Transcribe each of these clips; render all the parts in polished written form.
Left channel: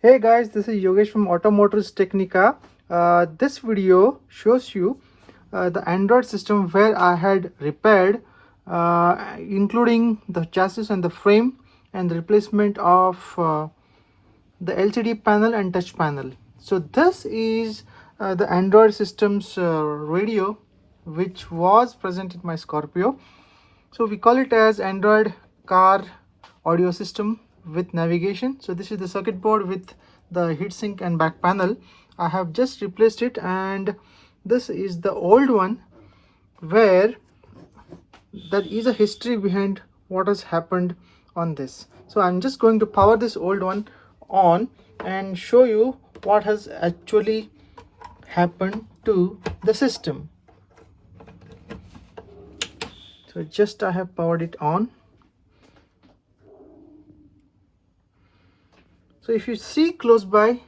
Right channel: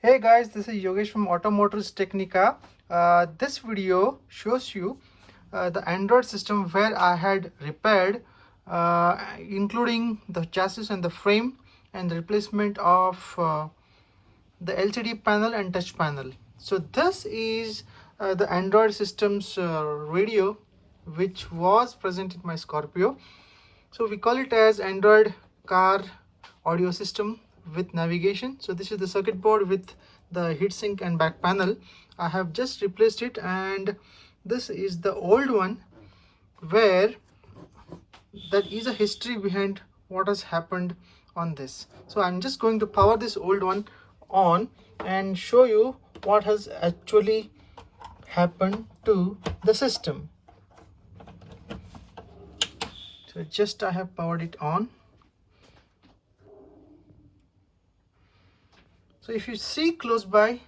Hey guys, this is Yogesh from Automotors Technica. This video shows you the Android system where I had repaired, including the chassis and the frame and the replacement of the LCD panel and touch panel. So this is the Android system's radio, which was present in my Scorpio. So we call it as Android car audio system with navigation. So this is the circuit board with the heatsink and back panel. I have just replaced it, and this is the old one where there is a history behind what has happened on this. So I'm just going to power this old one on and show you what has actually happened to the system. So just I have powered it on. So if you see close by,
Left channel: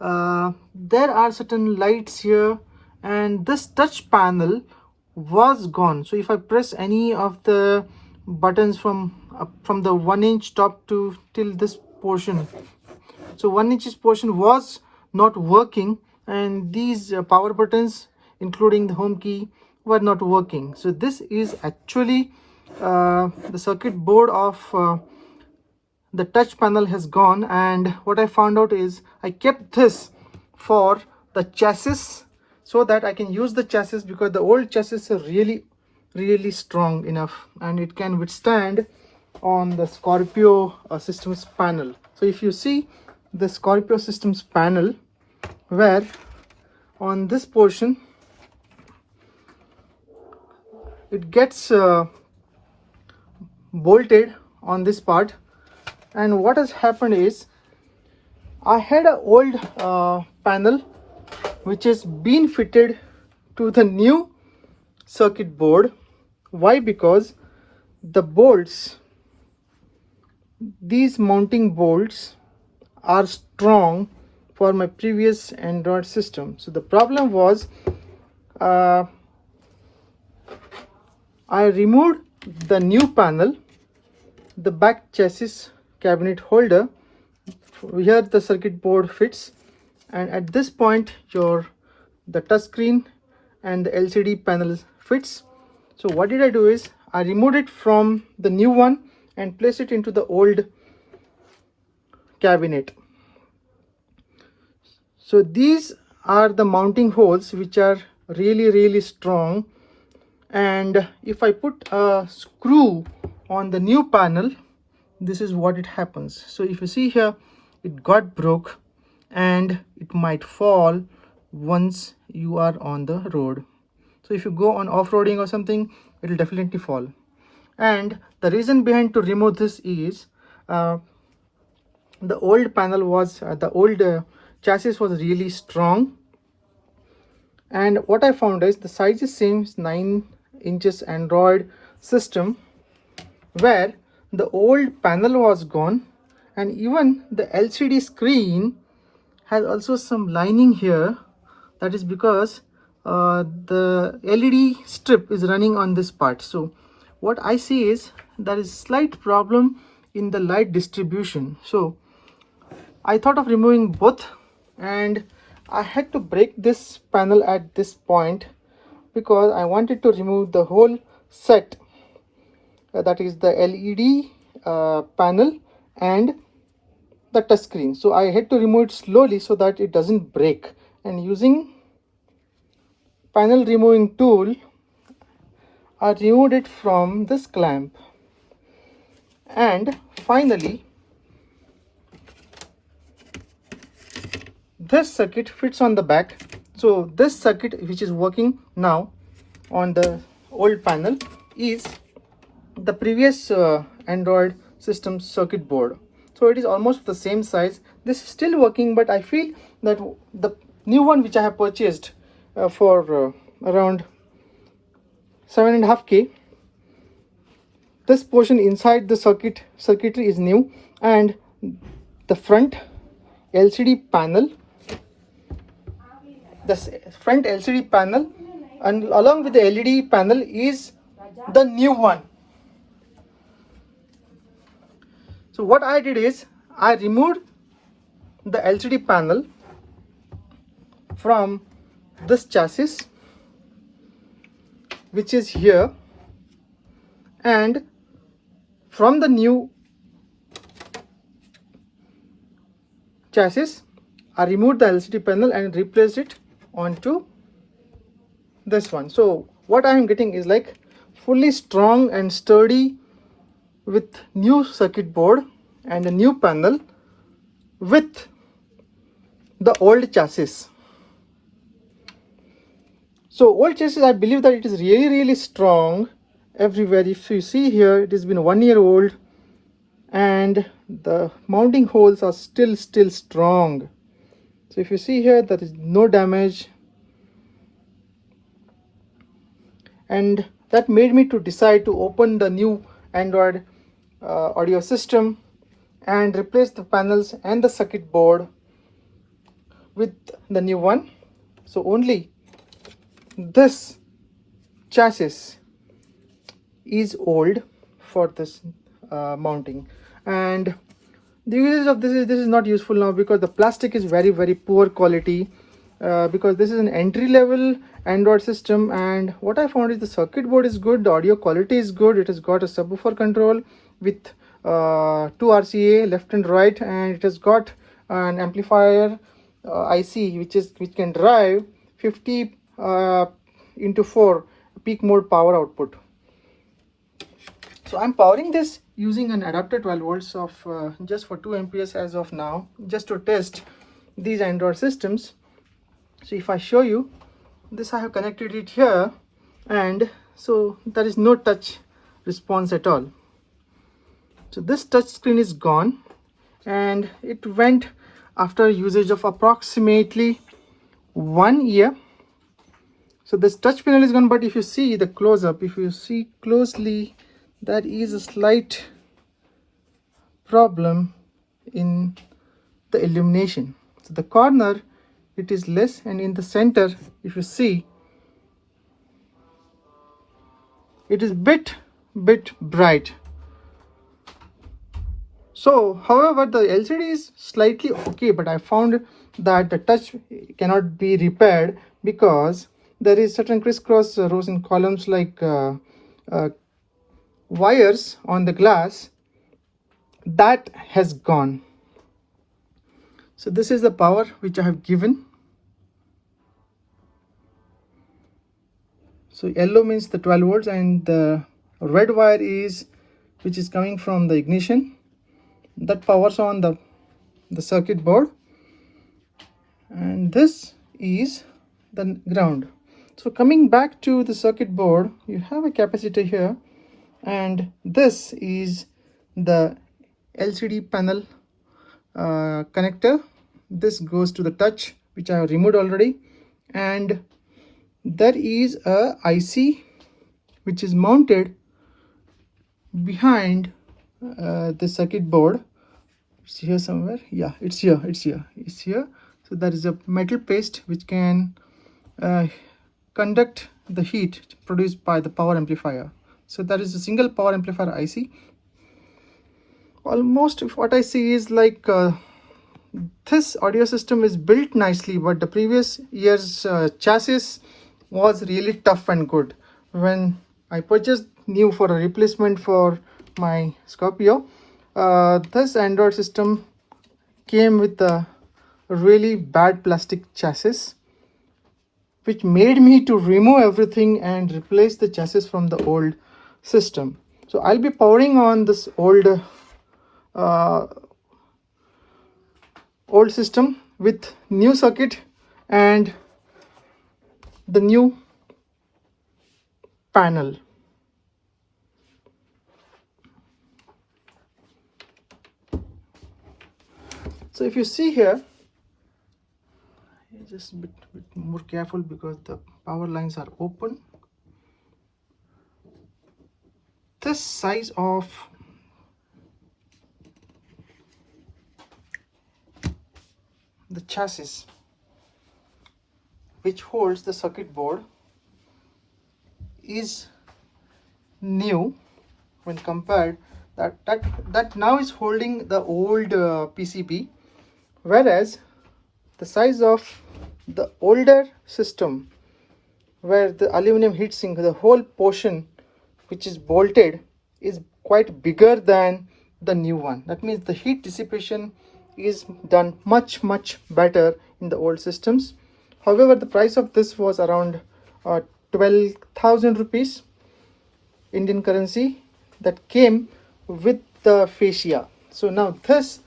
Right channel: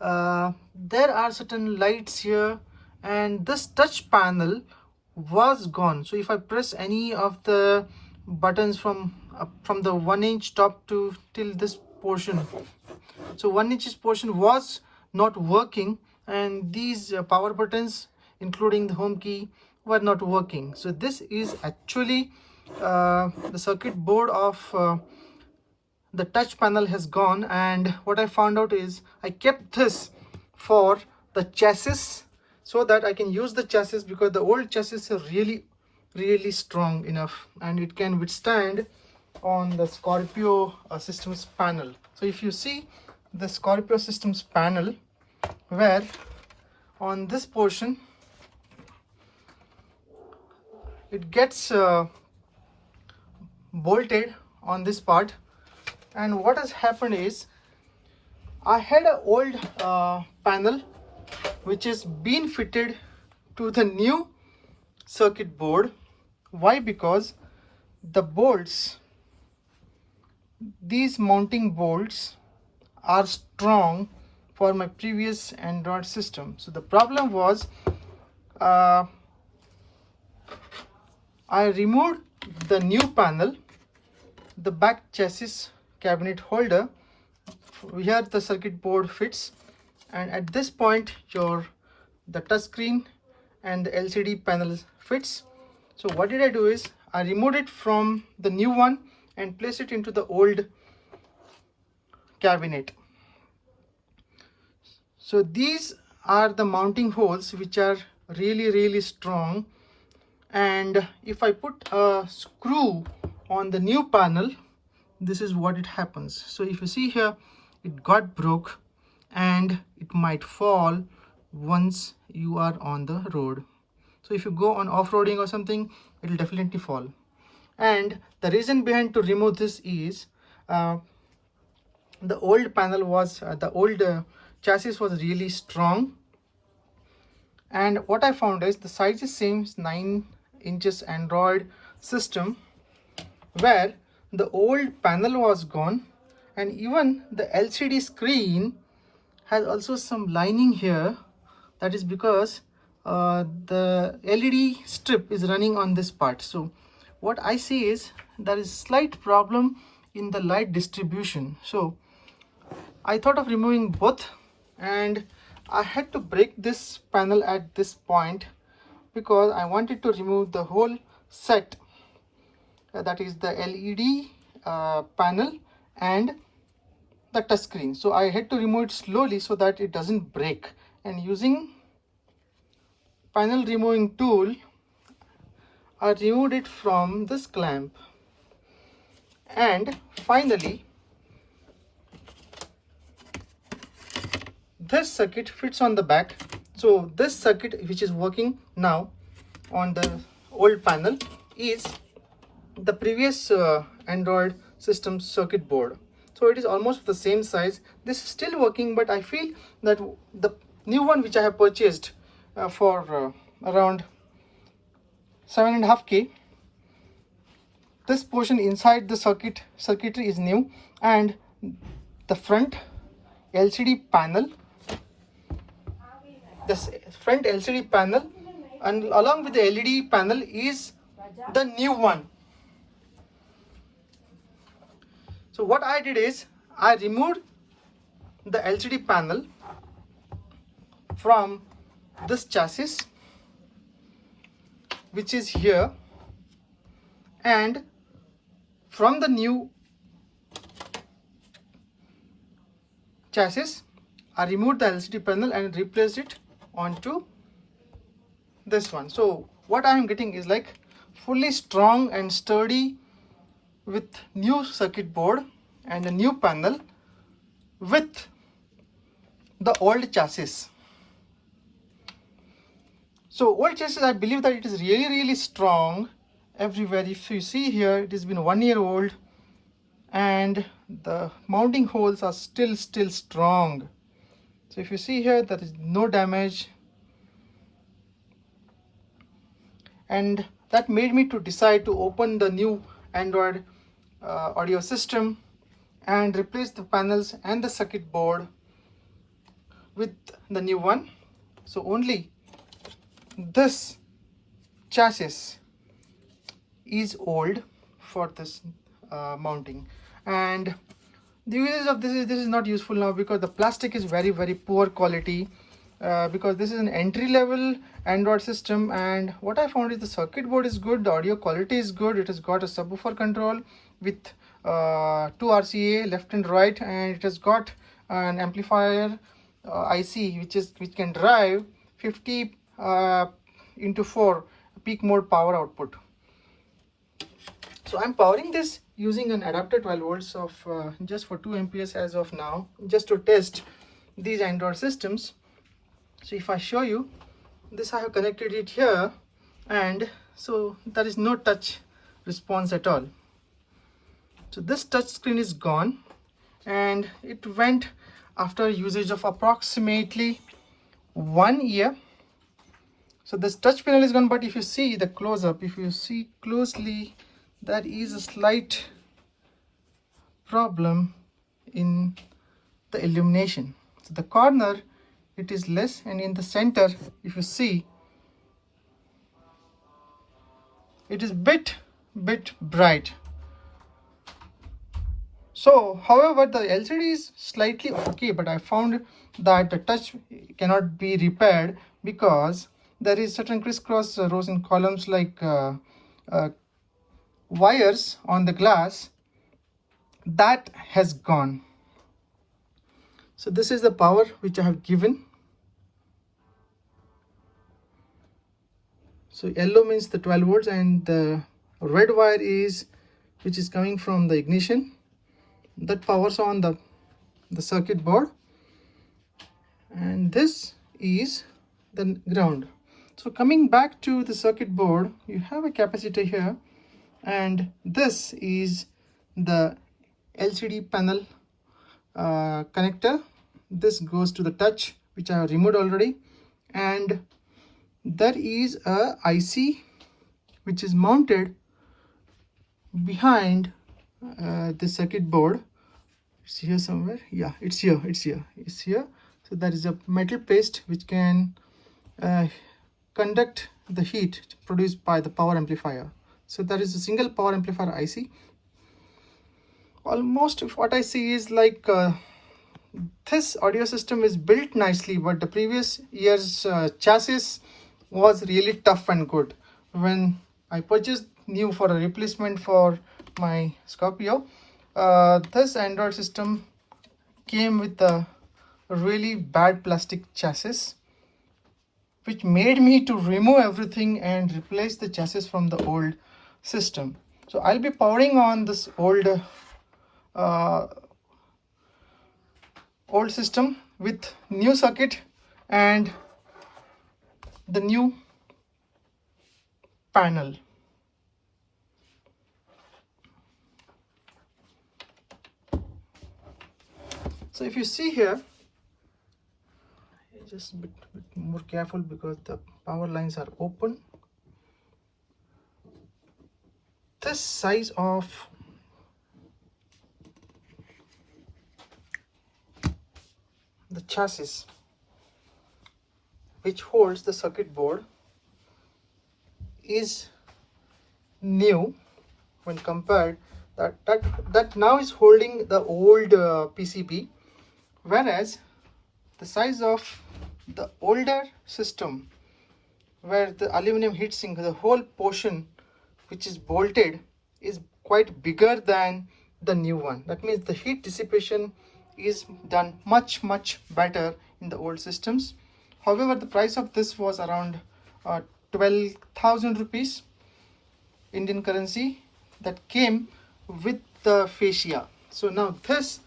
there are certain lights here, and this touch panel was gone. So if I press any of the buttons from the 1-inch top to till this portion, so 1-inch portion was not working, and these power buttons including the home key were not working. So this is actually the circuit board of the touch panel has gone. And what I found out is I kept this for the chassis so that I can use the chassis, because the old chassis are really strong enough and it can withstand on the Scorpio systems panel. So if you see the Scorpio systems panel, where on this portion it gets bolted on this part. And what has happened is I had an old panel which has been fitted to the new circuit board. Why? Because the bolts, these mounting bolts, are strong for my previous Android system. So the problem was I removed the new panel, the back chassis cabinet holder, here the circuit board fits, and at this point the touchscreen and the LCD panel fits. So what did I do is I removed it from the new one and placed it into the old cabinet. So these are the mounting holes which are really strong, and if I put a screw on the new panel, this is what it happens. So if you see here, it got broke and it might fall once you are on the road. So if you go on off-roading or something, it will definitely fall. And the reason behind to remove this is the old panel was the old chassis was really strong, and what I found is the size is same, 9 inches Android system, where the old panel was gone, and even the LCD screen has also some lining here. That is because the LED strip is running on this part. So what I see is there is slight problem in the light distribution. So I thought of removing both, and I had to break this panel at this point because I wanted to remove the whole set, that is the LED panel and the touchscreen. So I had to remove it slowly so that it doesn't break, and using panel removing tool I removed it from this clamp. And finally this circuit fits on the back. So this circuit which is working now on the old panel is the previous Android system circuit board. So it is almost the same size. This is still working, but I feel that the new one which I have purchased for around 7.5K, this portion inside the circuitry is new, and the front LCD panel, the front LCD panel and along with the LED panel is the new one. So what I did is I removed the LCD panel from this chassis, which is here, and from the new chassis I removed the LCD panel and replaced it onto this one. So what I am getting is like fully strong and sturdy with new circuit board and a new panel with the old chassis. So old chassis, I believe that it is really strong everywhere. If you see here, it has been 1 year old and the mounting holes are still strong. So if you see here, there is no damage, and that made me to decide to open the new Android audio system and replace the panels and the circuit board with the new one. So only this chassis is old for this mounting, and the usage of this is not useful now because the plastic is very poor quality, because this is an entry level Android system. And what I found is the circuit board is good, the audio quality is good, it has got a subwoofer control with 2 RCA left and right, and it has got an amplifier IC which can drive 50 into 4 peak mode power output. So I'm powering this using an adapter 12 volts of just for 2 amperes as of now, just to test these Android systems. So if I show you this, I have connected it here, and so there is no touch response at all. So this touch screen is gone, and it went after usage of approximately 1 year. So this touch panel is gone, but if you see the close up, if you see closely, there is a slight problem in the illumination. So the corner, it is less, and in the center, if you see, it is bit bright. So however, the LCD is slightly okay, but I found that the touch cannot be repaired because there is certain crisscross rows and columns like wires on the glass that has gone. So this is the power which I have given. So yellow means the 12 volts, and the red wire is which is coming from the ignition, that powers on the circuit board, and this is the ground. So coming back to the circuit board, you have a capacitor here, and this is the LCD panel connector. This goes to the touch, which I have removed already, and there is a IC which is mounted behind the circuit board. It's here somewhere. Yeah, it's here. So there is a metal paste which can conduct the heat produced by the power amplifier. So there is a single power amplifier IC. Almost what I see is like this audio system is built nicely, but the previous year's chassis was really tough and good. When I purchased new for a replacement for my Scorpio, this Android system came with a really bad plastic chassis, which made me to remove everything and replace the chassis from the old system. So I'll be powering on this old system with new circuit and the new panel. So if you see here, just a bit more careful because the power lines are open. This size of the chassis which holds the circuit board is new when compared that now is holding the old PCB Whereas the size of the older system, where the aluminum heatsink, the whole portion which is bolted, is quite bigger than the new one. That means the heat dissipation is done much better in the old systems. However, the price of this was around 12,000 rupees Indian currency, that came with the fascia. So now this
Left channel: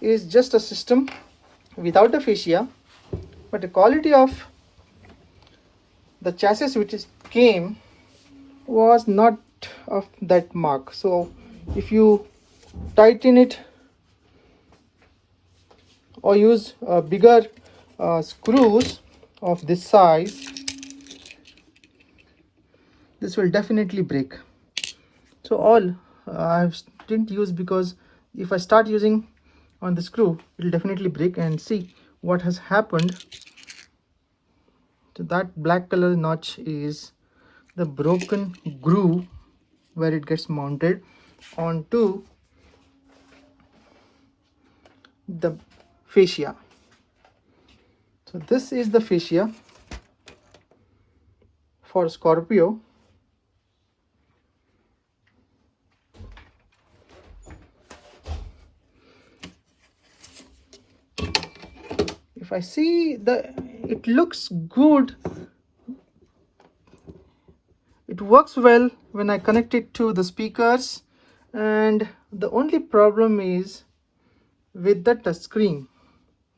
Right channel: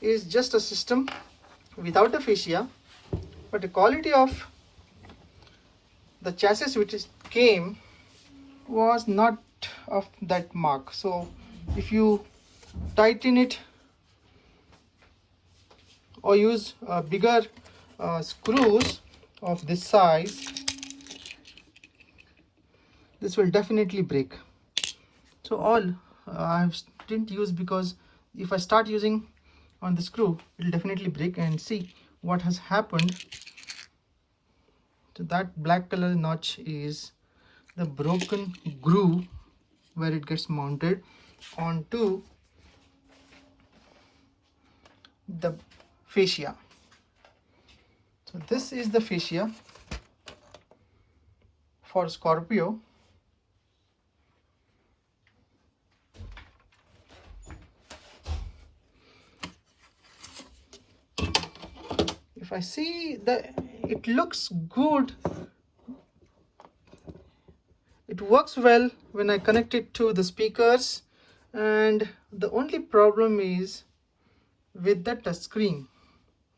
is just a system without the fascia, but the quality of the chassis which came was not of that mark. So if you tighten it or use bigger screws of this size, this will definitely break. So all I didn't use, because if I start using on the screw, it will definitely break. And see what has happened. So that black color notch is the broken groove where it gets mounted onto the fascia. So this is the fascia for Scorpio. If I see it looks good. It works well when I connect it to the speakers, and the only problem is with the touch screen,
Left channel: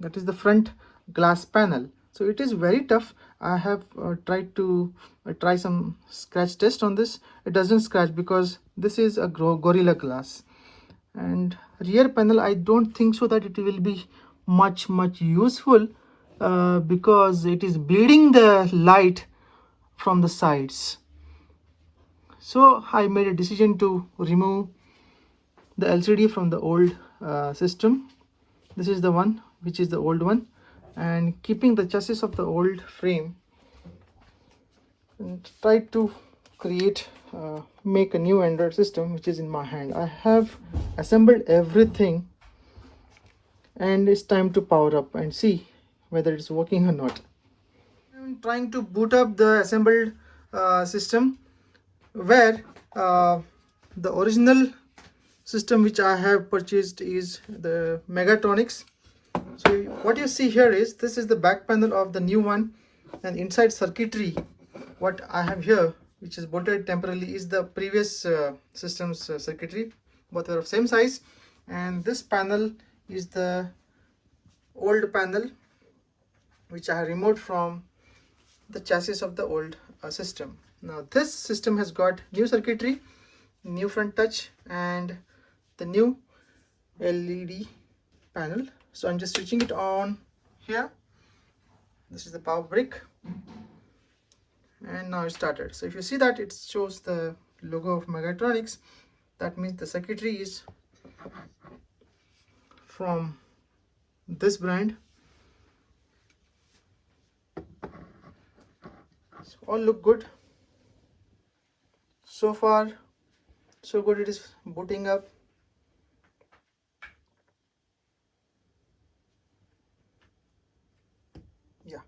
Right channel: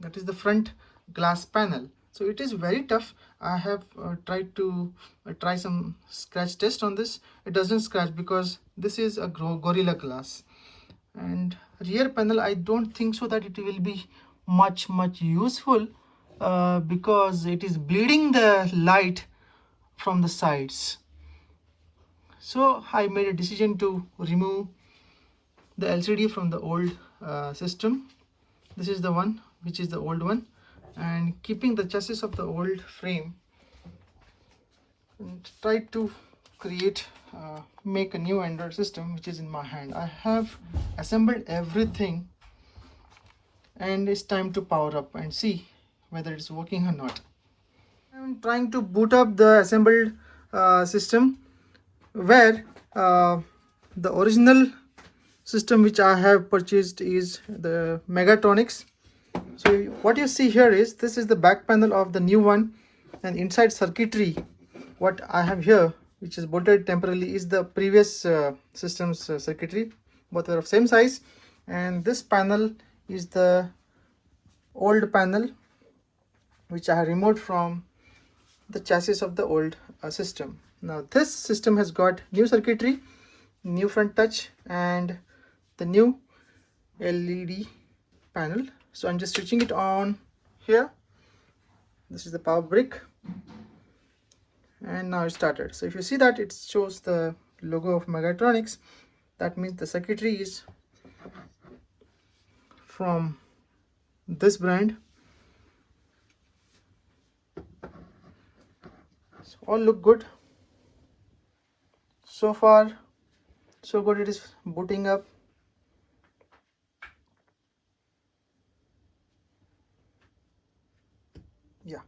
that is the front glass panel. So it is very tough. I have tried to try some scratch test on this. It doesn't scratch because this is a Gorilla Glass. And rear panel, I don't think so that it will be much useful, because it is bleeding the light from the sides. So I made a decision to remove the LCD from the old system. This is the one which is the old one, and keeping the chassis of the old frame, and try to create make a new Android system which is in my hand. I have assembled everything, and it's time to power up and see whether it's working or not. I'm trying to boot up the assembled system, where the original system which I have purchased is the Megatronics. So what you see here is, this is the back panel of the new one, and inside circuitry what I have here, which is bolted temporarily, is the previous system's circuitry. Both are of same size, and this panel is the old panel which I have removed from the chassis of the old system. Now this system has got new circuitry, new front touch, and the new LED panel. So I'm just switching it on here. This is the power brick, and now it started. So if you see that it shows the logo of Megatronics, that means the circuitry is from this brand. So all look good. So far so good. It is booting up. Yeah,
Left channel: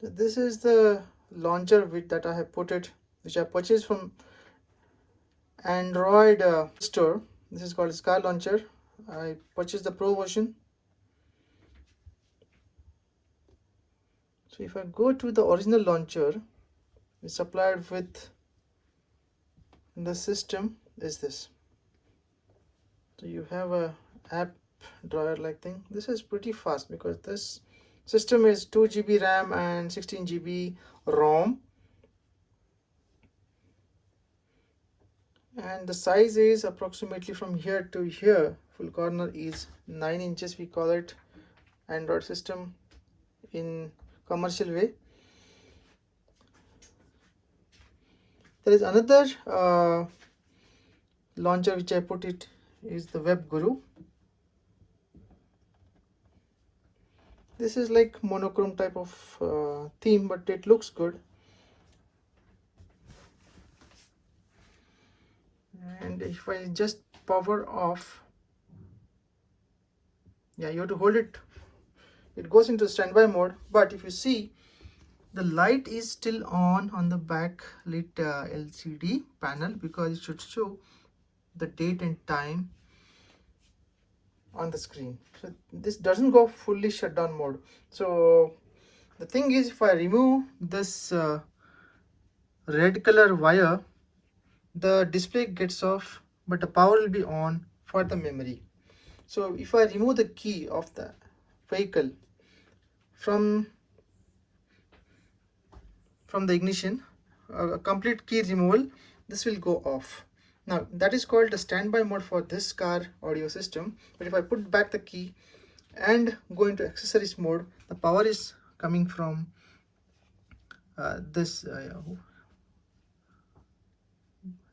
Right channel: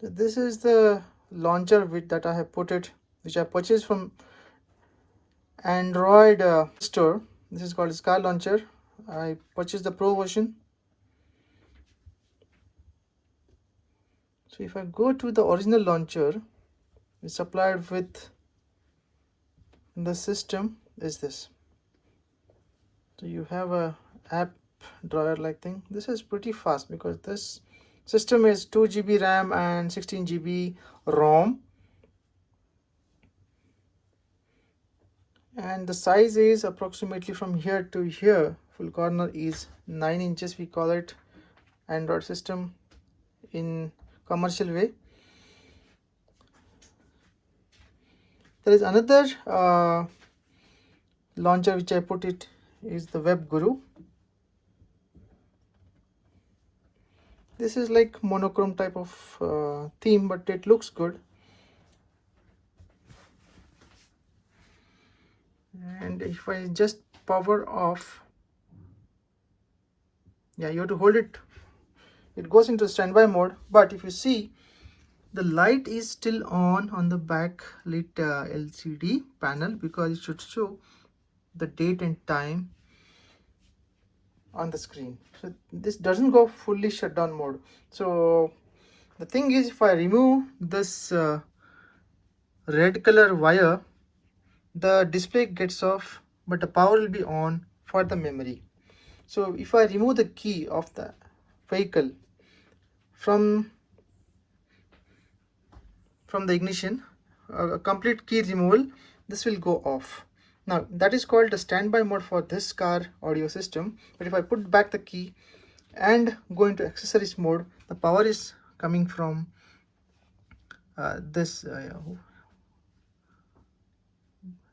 so this is the launcher that I have put it, which I purchased from Android store. This is called Sky Launcher. I purchased the Pro version. So if I go to the original launcher, it's supplied with the system is this. So you have a app drawer like thing. This is pretty fast because this system is 2 GB RAM and 16 GB ROM, and the size is approximately from here to here. Full corner is 9 inches. We call it Android system in commercial way. There is another launcher which I put it, is the Web Guru. This is like monochrome type of theme, but it looks good. And if I just power off, yeah, you have to hold it, it goes into standby mode. But if you see, the light is still on the back lit LCD panel, because it should show the date and time on the screen. So this doesn't go fully shutdown mode. So the thing is, if I remove this red color wire, the display gets off, but the power will be on for the memory. So if I remove the key of the vehicle from the ignition, a complete key removal, this will go off. Now that is called the standby mode for this car audio system. But if I put back the key and go into accessories mode, the power is coming from this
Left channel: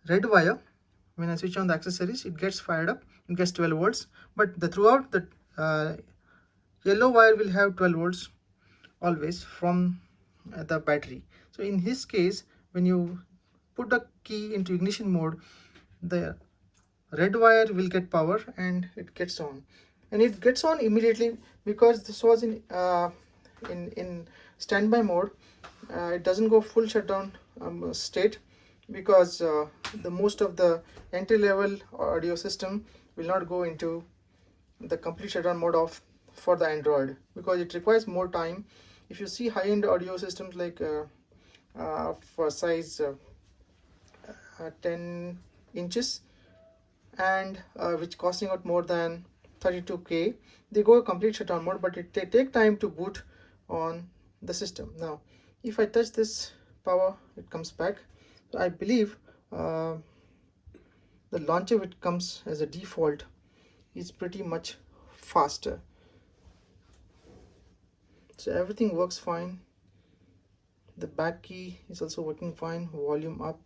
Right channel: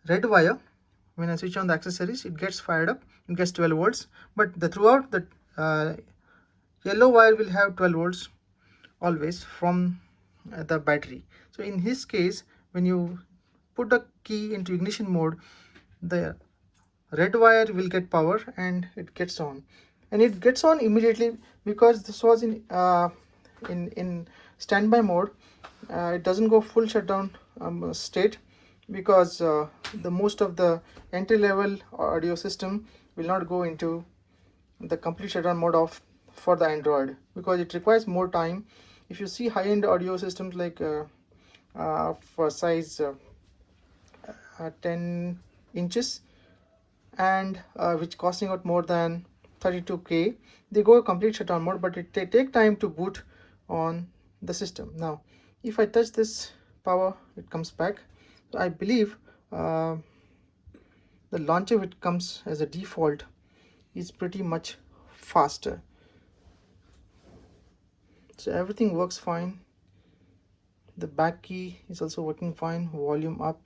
red wire. When I switch on the accessories, it gets fired up, it gets 12 volts, but throughout the yellow wire will have 12 volts always from the battery. So in his case, when you put the key into ignition mode, the red wire will get power and it gets on, and it gets on immediately, because this was in standby mode. It doesn't go full shutdown state, because the most of the entry-level audio system will not go into the complete shutdown mode of for the Android, because it requires more time. If you see high-end audio systems like for size 10 inches and which costing out more than 32K, they go complete shutdown mode, but it take time to boot on the system. Now if I touch this power, it comes back. So I believe the launcher, which comes as a default, is pretty much faster. So everything works fine. The back key is also working fine. Volume up,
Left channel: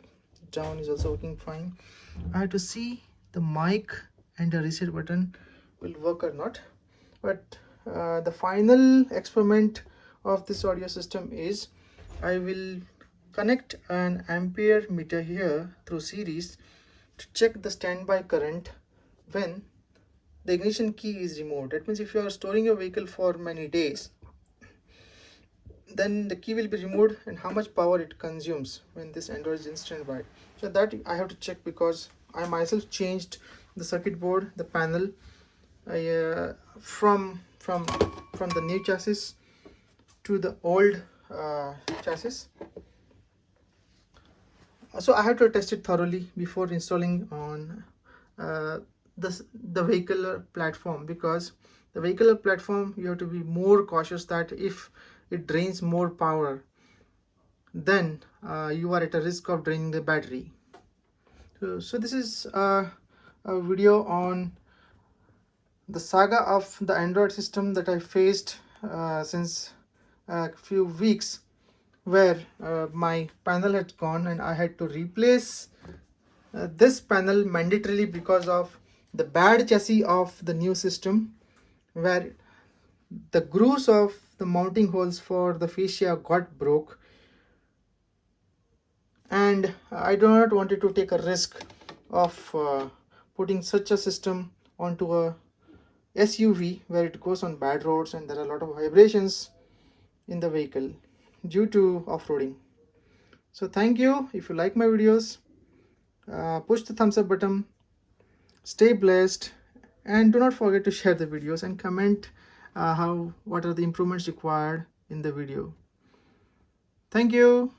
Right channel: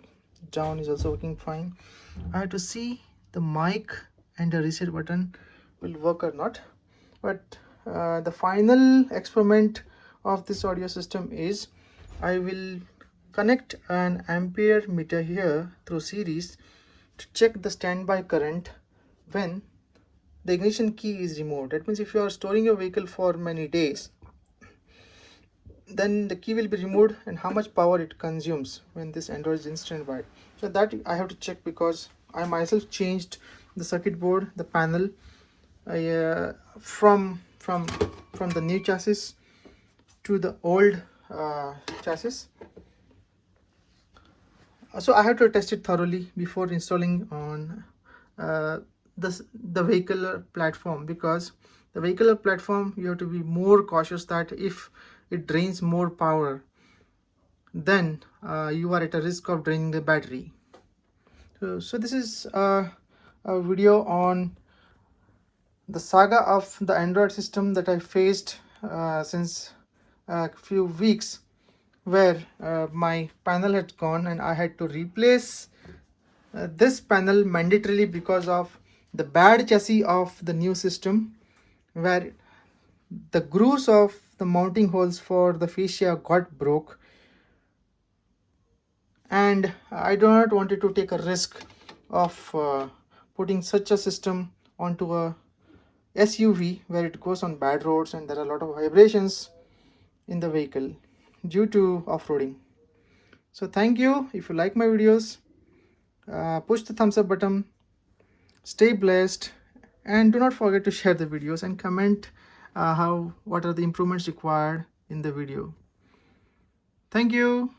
down is also working fine. I have to see the mic and the reset button will work or not. But the final experiment of this audio system is, I will connect an ampere meter here through series to check the standby current when the ignition key is removed. That means if you are storing your vehicle for many days, then the key will be removed, and how much power it consumes when this Android is in standby. So that I have to check, because I myself changed the circuit board, the panel, from the new chassis to the old chassis. So I have to test it thoroughly before installing on the vehicular platform, because the vehicular platform, you have to be more cautious that if it drains more power, then you are at a risk of draining the battery. So this is a video on the saga of the Android system that I faced since a few weeks, where my panel had gone and I had to replace this panel mandatorily because of the bad chassis of the new system, where the grooves of the mounting holes for the fascia got broke, and I do not wanted to take a risk of putting such a system onto a SUV where it goes on bad roads and there are a lot of vibrations in the vehicle due to off-roading. So thank you. If you like my videos, push the thumbs up button, stay blessed, and do not forget to share the videos and comment what are the improvements required in the video. Thank you.